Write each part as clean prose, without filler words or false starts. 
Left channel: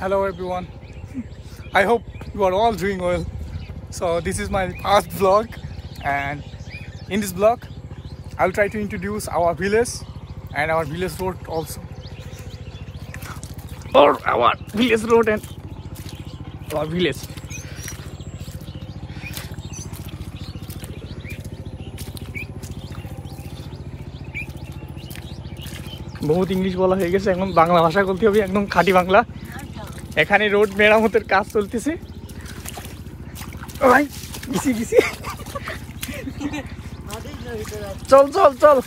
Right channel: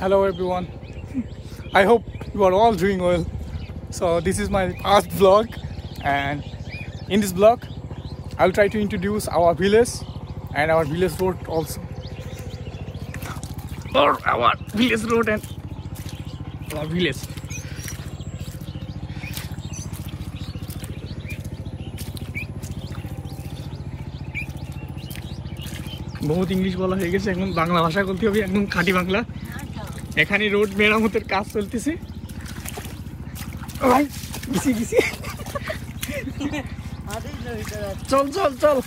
Hello everyone, I hope you are all doing well. So this is my first vlog, and in this vlog I'll try to introduce our village and our village road also. Or our village road and our village. बहुत इंग्लिश बोला হয়ে গেছে, এখন বাংলা ভাষা বলতে হবে, একদম খাঁটি বাংলা। এখানে রোড মেরামতের কাজ চলতেছে। ভাই গিসি গিসি, চল চল চল,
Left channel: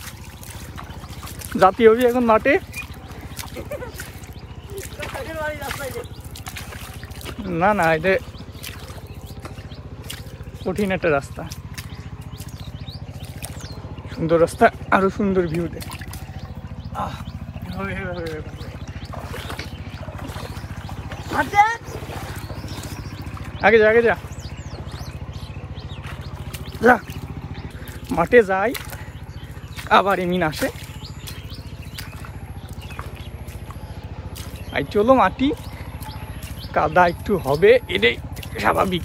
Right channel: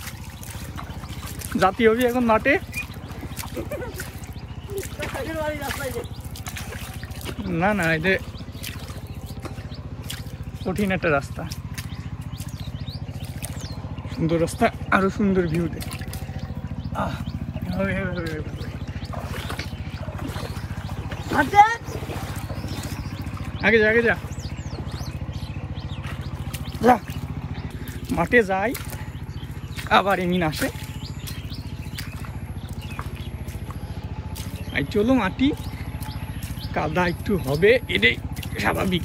জাতি হবি এখন মাঠে। না না, এটা কঠিন একটা রাস্তা, সুন্দর রাস্তা, আরো সুন্দর ভিউ দেয়। আগে যা আগে যা যা, মাঠে যাই আবার এমিন আসে। একটু হলো মাটি কাদা একটু হবে, এটাই স্বাভাবিক।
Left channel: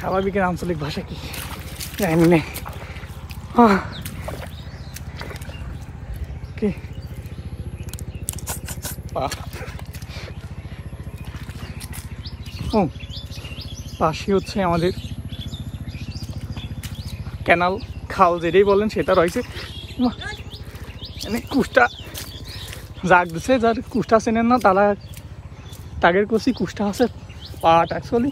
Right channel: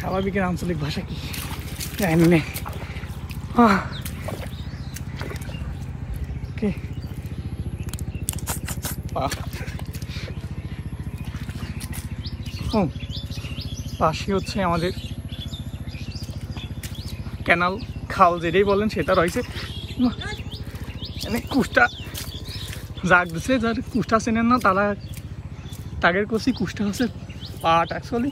স্বাভাবিকের আঞ্চলিক ভাষা কি জানি না। কি পাশে হচ্ছে আমাদের ক্যানাল, খাল যেটাই বলেন সেটা রয়েছে। কুষ্টা যাক দিছে, যার কুষ্টা চেনেন না তারা তাগের করছি কুষ্টা আছে পাট অ্যাকচুয়ালি।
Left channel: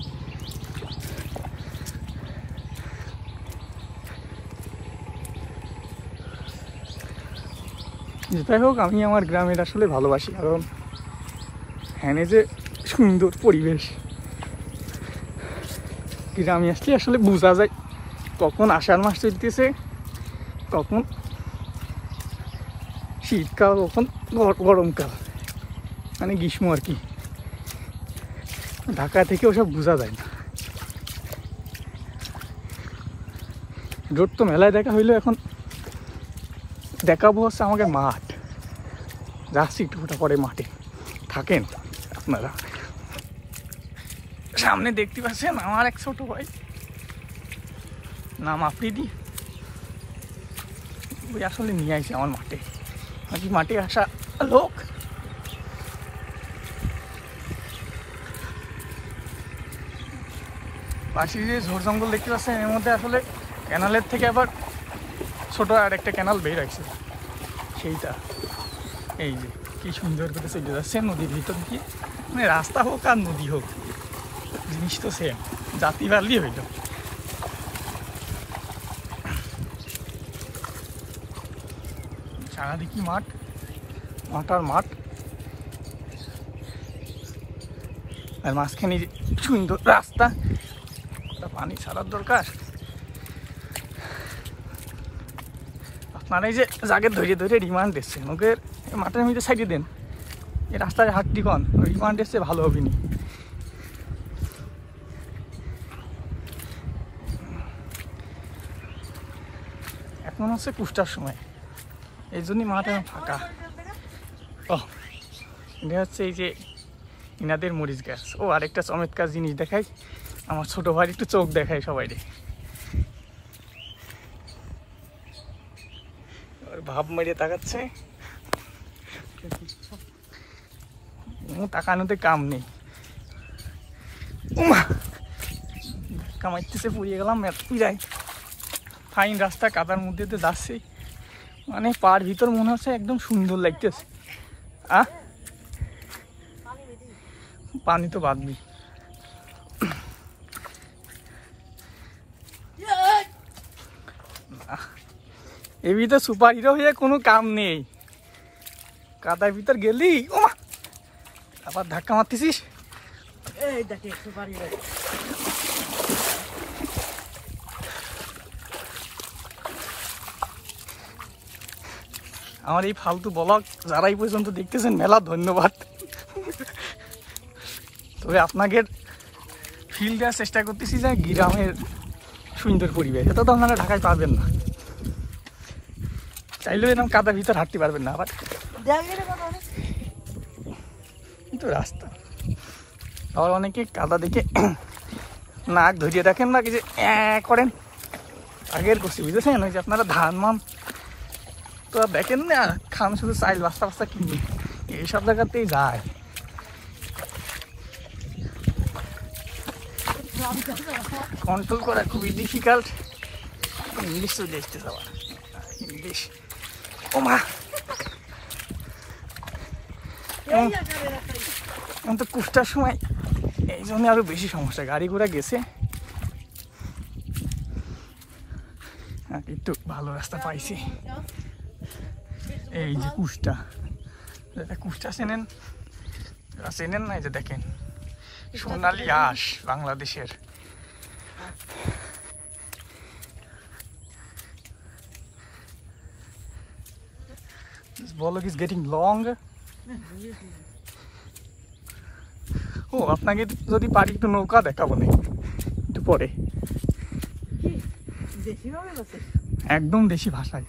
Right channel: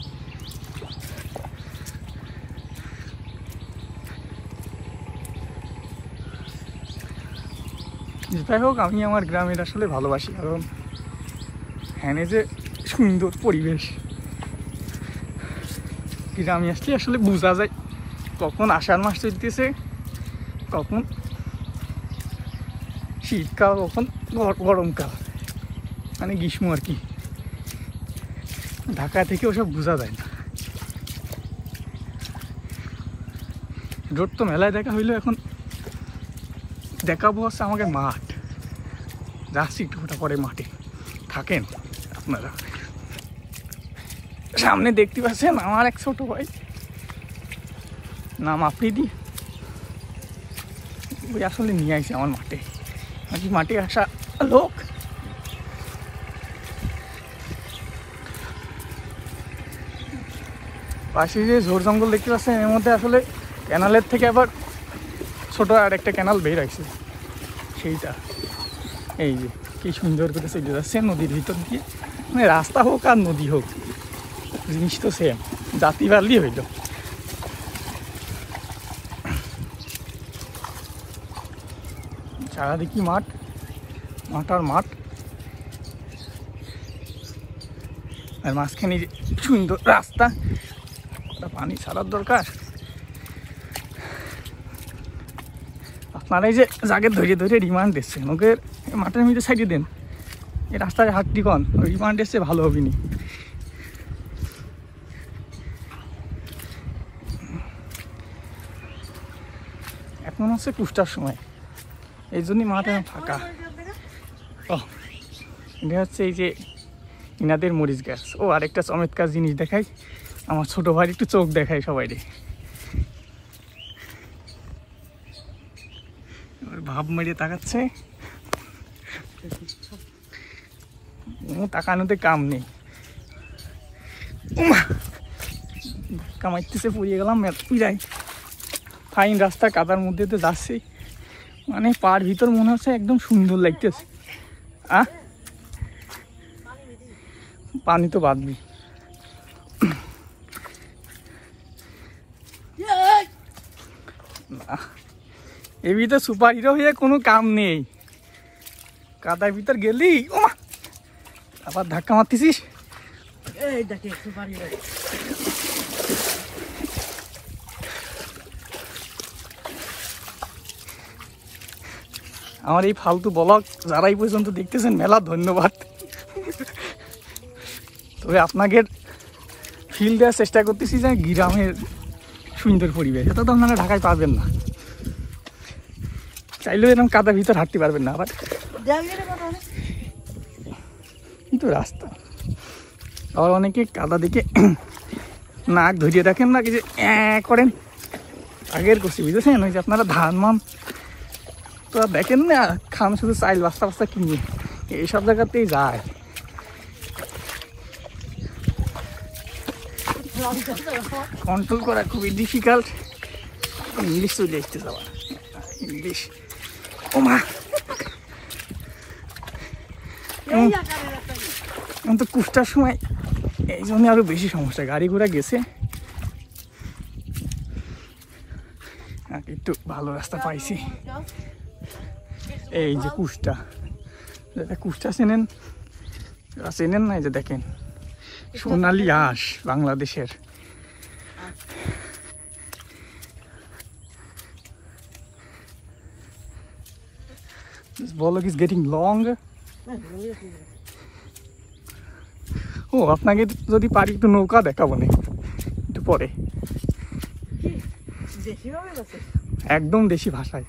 যেটাই হোক, আমি আমার গ্রামের আসলে ভালোবাসি, কারণ এখানে যে সুন্দর পরিবেশ, গ্রামে আসলে আসলে বোঝা যায় কখন আষাঢ় মাস চলতেছে, তখন শীতকাল, কখন গরমকাল, মানে গ্রীষ্ম আর কি। ঢাকা থেকে ওসব বোঝা যায় না। রোড তো মেলায় দেখা হইলো, এখন দেখাবো হচ্ছে আমাকে মাঠ। যাচ্ছি একটু পরে মাঠে, থাকেন আপনারা। সামনে দেখতে পাচ্ছেন আমার এক ছোট ভাই, নাম আফ্রিদি, ওই আসলে নিয়ে আসে আমার মাঠে। আজকে মাঠে আসা লোক। পাশে যে ঝোড় জঙ্গল দেখতে পাচ্ছেন, এর মধ্যে আসলে ক্যানালের থেকে আবার ছোট আর একটা ক্যানাল বের আছে, সেইটা। এই যে কি সুন্দর করে চলে যাচ্ছে নদীর ভিতর দিয়ে, মানে রাস্তা হোক আর নদী হোক জিনিস তো সেম, জাতি বাড়লি হইল। চারিদিকে মাঠ, মাঠ আর মাঠ, আর মাঝখানে সুন্দর রাস্তা, পানি ছাড়ার দরকার। আপনারা এই যে জাগে ধরে ধরে রিমান্ড দিচ্ছে, ওকে মাঠের মধ্যে সাইডে দেন, এই রাস্তায় হাঁটতি কন, রিমান্ড এসছে ভালো হবে না। এখন হচ্ছে কুষ্টার সময়, এই জন্যই মাঠ এখন ফাঁকা। ও এটা হচ্ছে এই যে ইনাদের মরিচ গাছ। ও আরেকটা চমৎকার জিনিস দেখাই, আমার ছোট ভাই একটু চোখ দেখাই সবাই রে, ভাব মেরে তাকাচ্ছে, তাকানোতে কাম নেই। কামাইতেছে, পুড়িয়ে গেলাম, যাই ফাইন রাস্তা, কাদার মধ্যে তো যাচ্ছে, মানে পার ভিতর মনে হচ্ছে একদম সুন্দর লাগতেছে। পানি তো বাদবি, এর ভিতর সুপার হিরো হয়ে কোনো কাম নেই। কাদার ভিতর গেলি ওমা, আবার ধাক্কা মারতেছিস। আমার এই ফালতু ব্লগ যারা এই পর্যন্ত দেখতেছেন মেলা ধন্যবাদ। তবে আপনাকে ফিল দেওয়ার চেষ্টা করতেছি যে গ্রামের সুন্দর পরিবেশ, এটা তো আপনারা ঢাকায় পাবেন না। চাইলেও এরকম কাদার ভিতর হাঁটতে পারবেন না। আবার কিন্তু কিন্তু রাস্তা। আবার অনেকে কাদা দেখে নাক ধরিয়ে দেখেন না, কিছু করেন আগের করছি, বুঝেছেন? ওই যে আপনারা ধান মান তো আর দেখেন না, খান শুধু চাইল বাস্তা বাস্তা কিনবে, এইসব জায়গাতেই যায়। কন্ট্রোল করা খুবই ডিফিকাল্ট। ইংলিশ চলে আসতে যাওয়া, ইংলিশ ও মা। এখন তো কুষ্টার সময় এই জন্য আরো বেশি সমস্যা, গাড়ি ঘুরে গেছে, একটু ভালো রাস্তা পাইছি। এই যে কুষ্টা, কুষ্টা চেনেন চেনেন না? এই যে দেখেন সোনালী আঁশ বাংলাদেশের। This vlog is getting long. ও আপনাকে যদি পারি একটু নৌকা দেখাবো না একটু পরে, একদম দেশি ভাষায়।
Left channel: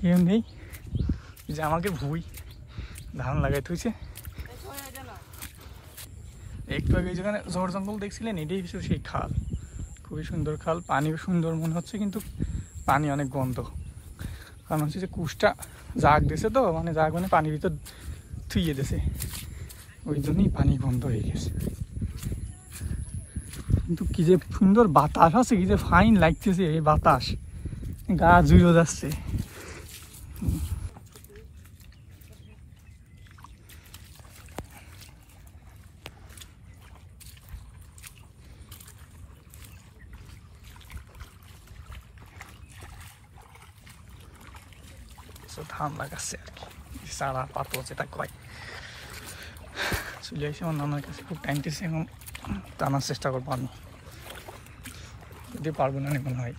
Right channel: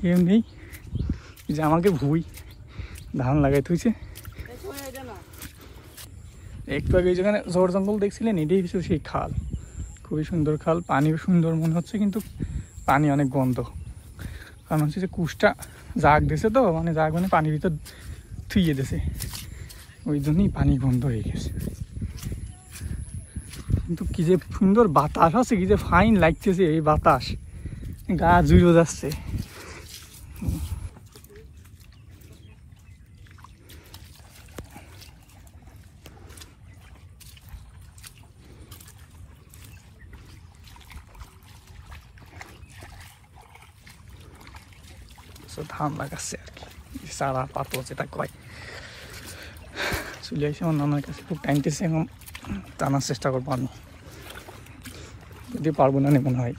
কেউ নেই, যে আমাকে ভুই ধান লাগাই থুইছে। একটু আগে যেখানে ঝড় জঙ্গল দেখছিলেন, এটাই কিছু সেই খাল, খুবই সুন্দর খাল, পানিও সুন্দর মনে হচ্ছে, কিন্তু পানি অনেক গন্ধ। কারণ হচ্ছে যে কুষ্টা জাগ দিয়েছে তো, মানে জাগ মানে পানির ভিতর থুইয়ে দিয়েছে, ওই জন্যই পানি গন্ধ হয়ে গেছে। কিন্তু কি যে সুন্দর বাতাস আছে, কি যে ফাইন লাগতেছে এই বাতাস, গা জুড়ে যাচ্ছে। ধান লাগাচ্ছে আর কি, সারা পাতো যেটা কয়। চলে আসে আমার নানার কাছে, খুব টাইমটেছে, এখন টানার চেষ্টা করবো আমি, যদি পারবো না মনে হয়।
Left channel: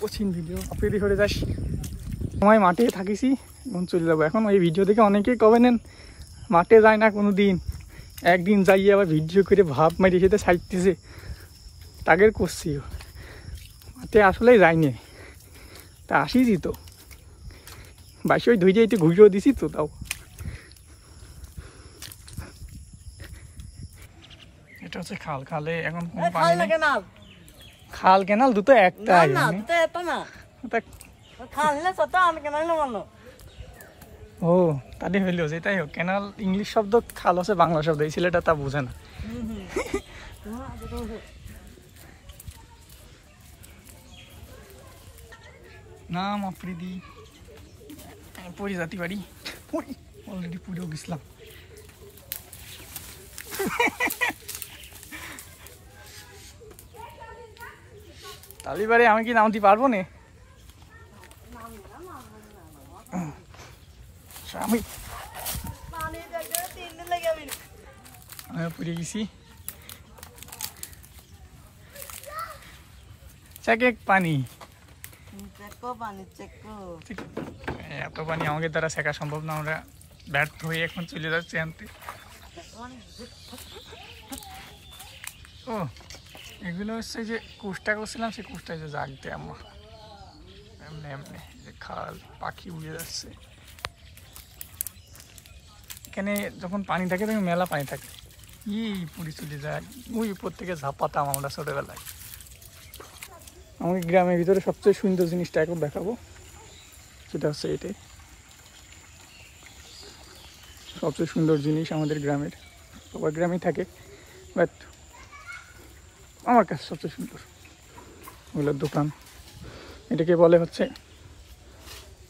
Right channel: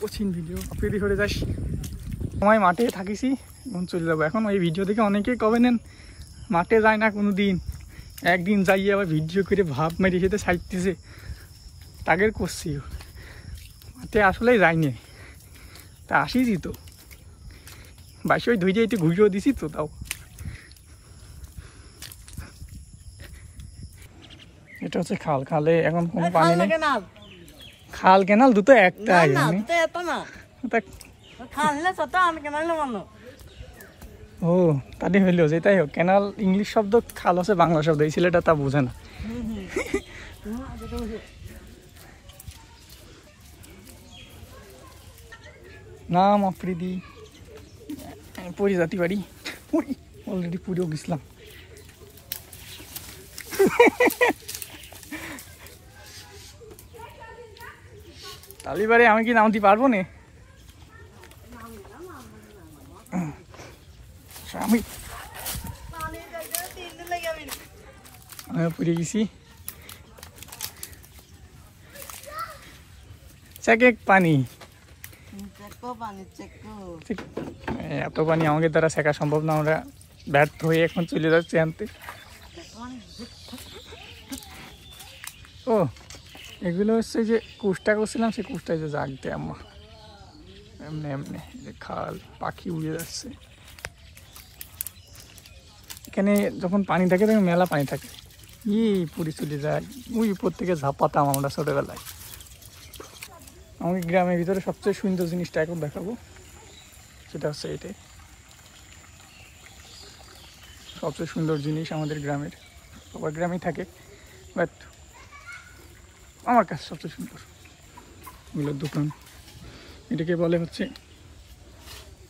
কঠিন ভিডিও আপনি করে যাস, সময় মাঠে থাকিছি, এখন চলে যাবো। এখন এই ভিডিও দেখে অনেকেই কবেন মাঠে যায় না কোনো দিন, একদিন যাইয়ে আবার ভিডিও করে ভাব মারি সেটা ছাইতেছে, তাগের করছি মাঠে আসলেই যায়নি, তা আসিছি তো বাসি, ওই ধৈর্য একটু ঘুরিয়েও দিছি তো। তাও এটা হচ্ছে খাল, খালে এখন কোনো পানি নেই, খাল কেনাল দুটো একটা, ও তাদের হইলেও যেটাই হোক, কেনাল ইংলিশ শব্দ, খাল হচ্ছে বাংলা শব্দ, এই ছেলেটা তা বুঝে না। নাম আফ্রিদি, পুরী জাতি বাড়ি, পুরী অলরেডি পুরীও গেছিলাম। তালিবারে আমি কি নামতে পারবো না, আমি পুড়ে গেছি। চেক পানি, এত পানি আমাদের দ্বারা শেখা সম্ভব না, আমরা ব্যর্থ হয়ে এখন চলে যাচ্ছি আনতে। ও এগুলো হচ্ছে যে কুষ্টা করছিলাম, সেই কুষ্টায় যে জাগতে আমার এমনি এমনি যে খাল পাখি উড়ে যাচ্ছে। এখানে যখন পানি থাকে তখন মেলা পানি থাকে, পুরি চলে যায়। ওই উপর থেকে ঝাপাতাম আমরা ছোটবেলায়। আমি গ্রামের ভিতরে সবচেয়ে সুন্দর জিনিসটা এখন দেখাবো, সেটা হচ্ছে এটাই সবচেয়ে সুন্দর জিনিস আমাদের গ্রামের। সবার গ্রামে থাকে, বাট আমার কাছে সবচেয়ে সুন্দর ওগুলোর দোকান। এটাকে বলে হচ্ছে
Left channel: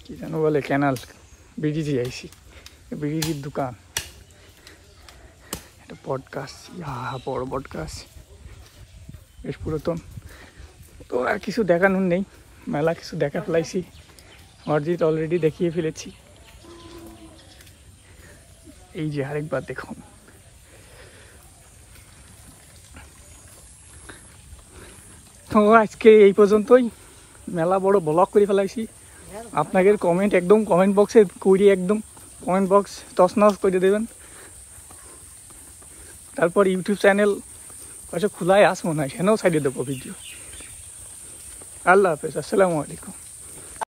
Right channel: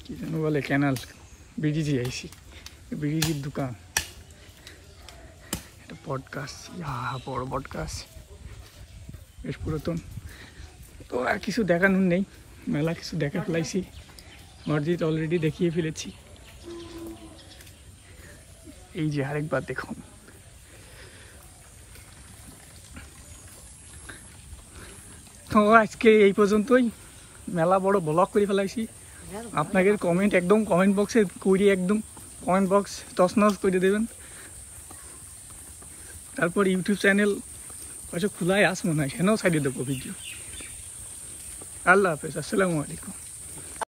কি যেন বলে, ক্যানাল বিডিজি আইসি, বিডিজির দোকান। এটা বট গাছ, বড় বট গাছ, বেশ পুরাতন। তো আর কিছু দেখানোর নেই, মেলা কিছু দেখা ফেলাইছি, মসজিদ অলরেডি দেখিয়ে ফেলেছি। এই যে আরেকবার দেখুন। তো আজকে এই পর্যন্তই, মেলা বড় ব্লগ করে ফেলাইছি। আপনাদের কমেন্ট একদম কমেন্ট বক্সে করি, একদম কমেন্ট বক্স তছনছ করে দেবেন। তারপর ইউটিউব চ্যানেল খোলায় আস মনে হয়, সেখানেও ছাড়িয়ে দেবো ভিডিও। আল্লাহ হাফেজ, আসসালামু আলাইকুম।